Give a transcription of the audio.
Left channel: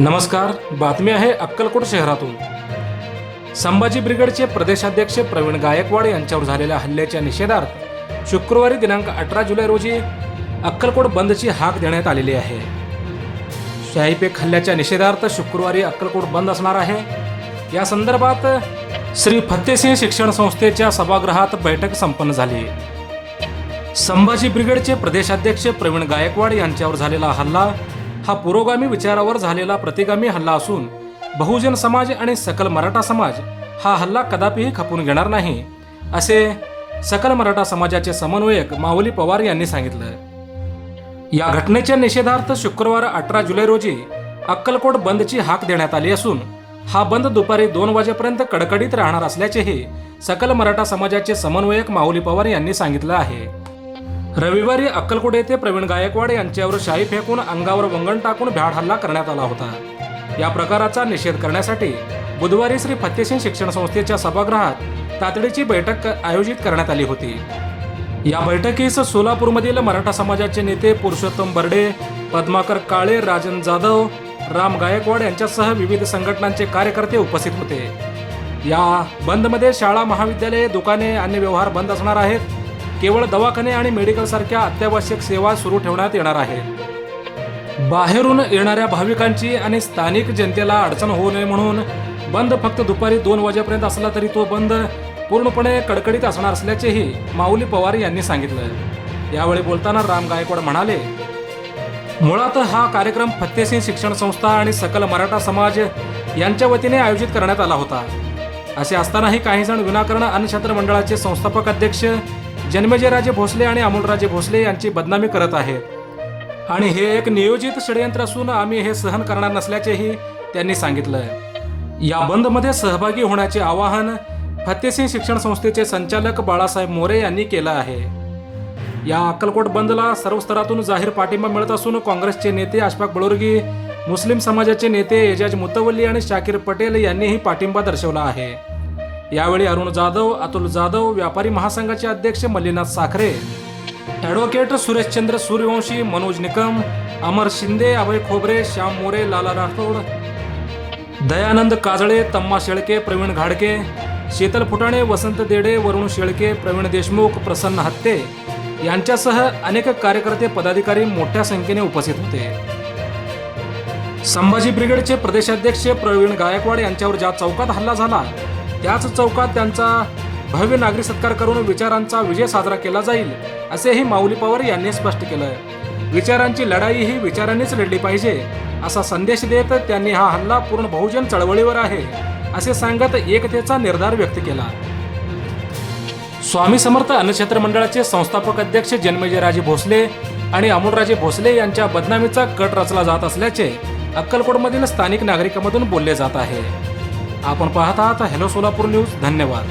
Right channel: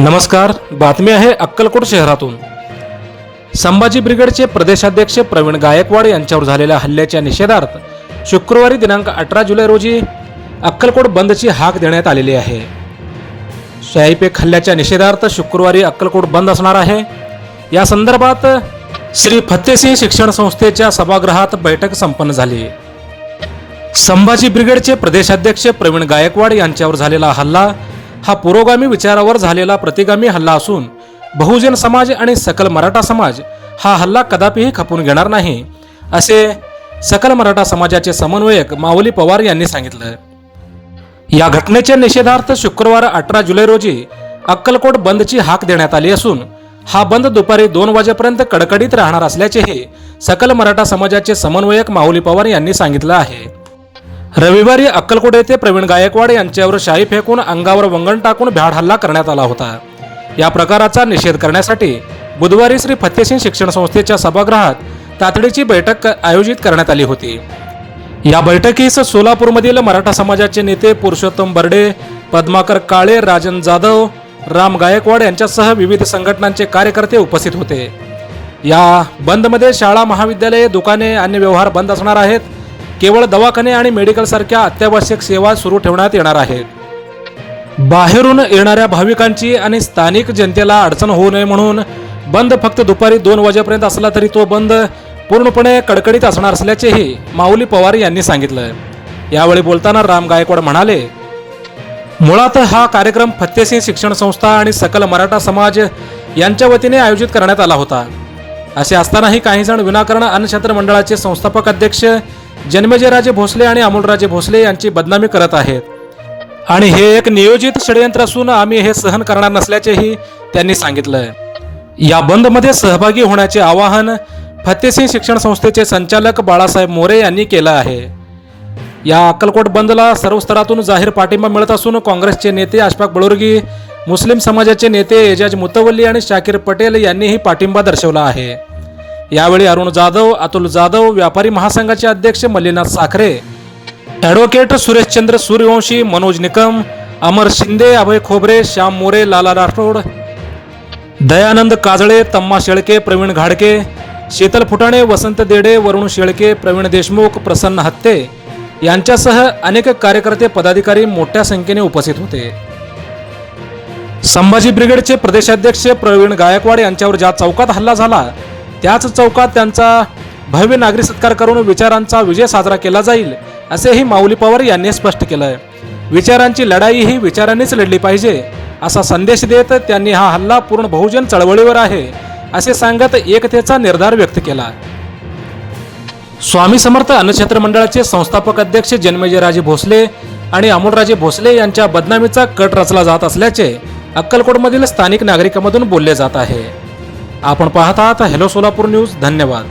नमस्कार बातमी आहे अक्कलकोट शहरातून. संभाजी ब्रिगेडचे प्रदेशाध्यक्ष प्रवीण गायकवाड यांच्यावर झालेल्या हल्ल्याच्या निषेधार्थ शुक्रवारी दिनांक अठरा जुलै रोजी अक्कलकोट बंदची हाक देण्यात आलेली आहे. शाहीपेक हल्ल्याच्या निषेधार्थ शुक्रवारी अक्कलकोट बंद असणार आहे. या संदर्भात श्री फत्तेसिंह शिक्षण संस्थेच्या सभागृहात बैठक संपन्न झाली. संभाजी ब्रिगेडचे प्रदेशाध्यक्ष प्रवीण गायकवाड यांच्यावर झालेला हल्ला हा पुरोगामी विचारावर झालेला प्रतिगामी हल्ला असून बहुजन समाज आणि सकल मराठा समाज हा हल्ला कदापिही खपून घेणार नाही असे सकल मराठा समाजाचे समन्वयक माऊली पवार यांनी सांगितलं. या घटनेच्या निषेधार्थ शुक्रवार अठरा जुलै रोजी अक्कलकोट बंदची हाक देण्यात आली असून हा बंद दुपारी दोन वाजेपर्यंत कडकडीत राहणार असल्याचेही सकल मराठा समाजाचे समन्वयक माऊली पवार यांनी सांगितलं आहे. रविवारी अक्कलकोट येथे प्रवीण गायकवाड यांच्यावर शाई फेकून अंगावर वंगण टाकून भ्याड हल्ला करण्यात आला होता. या प्रकाराचा निषेध करण्यासाठी बुधवारी श्री फत्तेसिंग शिक्षण संस्थेच्या सभागृहात तातडीची बैठक आयोजित करण्यात आली होती. या बैठकीस सोलापूरमधील मराठा समाजाचे नेते पुरुषोत्तम बर्डे पद्माकर काळे राजन जाधव राम गायकवाड यांच्यासह विविध संघटनांचे कार्यकर्ते उपस्थित होते. या बंदमध्ये शाळा महाविद्यालये दुकाने अन्य व्यवहार बंद असणार आहेत. केवळ दवाखाने आणि मेडिकल सारख्या अत्यावश्यक सेवा सुरू ठेवण्यात येणार आहेत बाहेरून येणाऱ्या भाविकांची आणि स्थानिक जनतेला अडचण होऊ नये म्हणून बंद फक्त दुपारी दोन वाजेपर्यंत असला तरी तो बंद पूर्णपणे कडकडीत असणार असल्याचेही माऊली पवार यांनी सांगितलं. यावेळी बोलताना राम गायकवाड म्हणाले मुळात हा कार्यक्रम फत्तेसिंग शिक्षण संस्था आणि सकल मराठा समाज यांच्या वतीने आयोजित करण्यात आला होता. असे असतानाही काही जण विनाकारण अन्नछत्र मंडळाचे संस्थापक अध्यक्ष जन्मेजयराजे भोसले आणि अमोलराजे भोसले यांची बदनामी करत आहेत. आणि हे एक नियोजित षडयंत्र असून आम्ही हे सहन करणार नसल्याचेही त्यांनी सांगितलं या बंदमध्ये सहभागी होण्याचे आवाहन फतेसिंग शिक्षण संस्थेचे संचालक बाळासाहेब मोरे यांनी केलं आहे. या अक्कलकोट बंदला सर्व स्तरातून जाहीर पाठिंबा मिळत असून काँग्रेसचे नेते आशफाक बळुर्गी मुस्लिम समाजाचे नेते एजाज मुतवल्ली आणि शाकीर पटेल यांनीही पाठिंबा दर्शवला आहे. यावेळी अरुण जाधव अतुल जाधव व्यापारी महासंघाचे अध्यक्ष मल्लीनाथ साखरे ॲडव्होकेट सुरेशचंद्र सूर्यवंशी मनोज निकम अमर शिंदे अभय खोबरे श्याम मोरे लाला राठोड दयानंद काजळे तम्मा शेळके प्रवीण घाडके शीतल फुटाणे वसंत देडे वरुण शेळके प्रवीण देशमुख प्रसन्न हत्ते यांच्यासह अनेक कार्यकर्ते पदाधिकारी मोठ्या संख्येने उपस्थित होते. संभाजी ब्रिगेडचे प्रदेशाध्यक्ष प्रवीण गायकवाड यांच्यावर ज्या चौकात हल्ला झाला त्याच चौकात त्यांचा भव्य नागरी सत्कार करून विचारांचा विजय साजरा केला जाईल असेही माऊली पवार यांनी स्पष्ट केलंय. विचारांची लढाई ही विचारांनीच लढली पाहिजे असा संदेश देत त्यांनी हा हल्ला पूर्ण बहुजन चळवळीवर आहे असे सांगत एकतेचा निर्धार व्यक्त केला. स्वामी समर्थ अन्नक्षेत्र मंडळाचे संस्थापक अध्यक्ष जन्मेजयराजे भोसले आणि अमोलराजे भोसले यांच्या बदनामीचा कट रचला जात असल्याचे अक्कलकोटमधील स्थानिक नागरिकांमधून बोलले जात आहे. आपण पाहत आहात हॅलो सोलापूर न्यूज. धन्यवाद.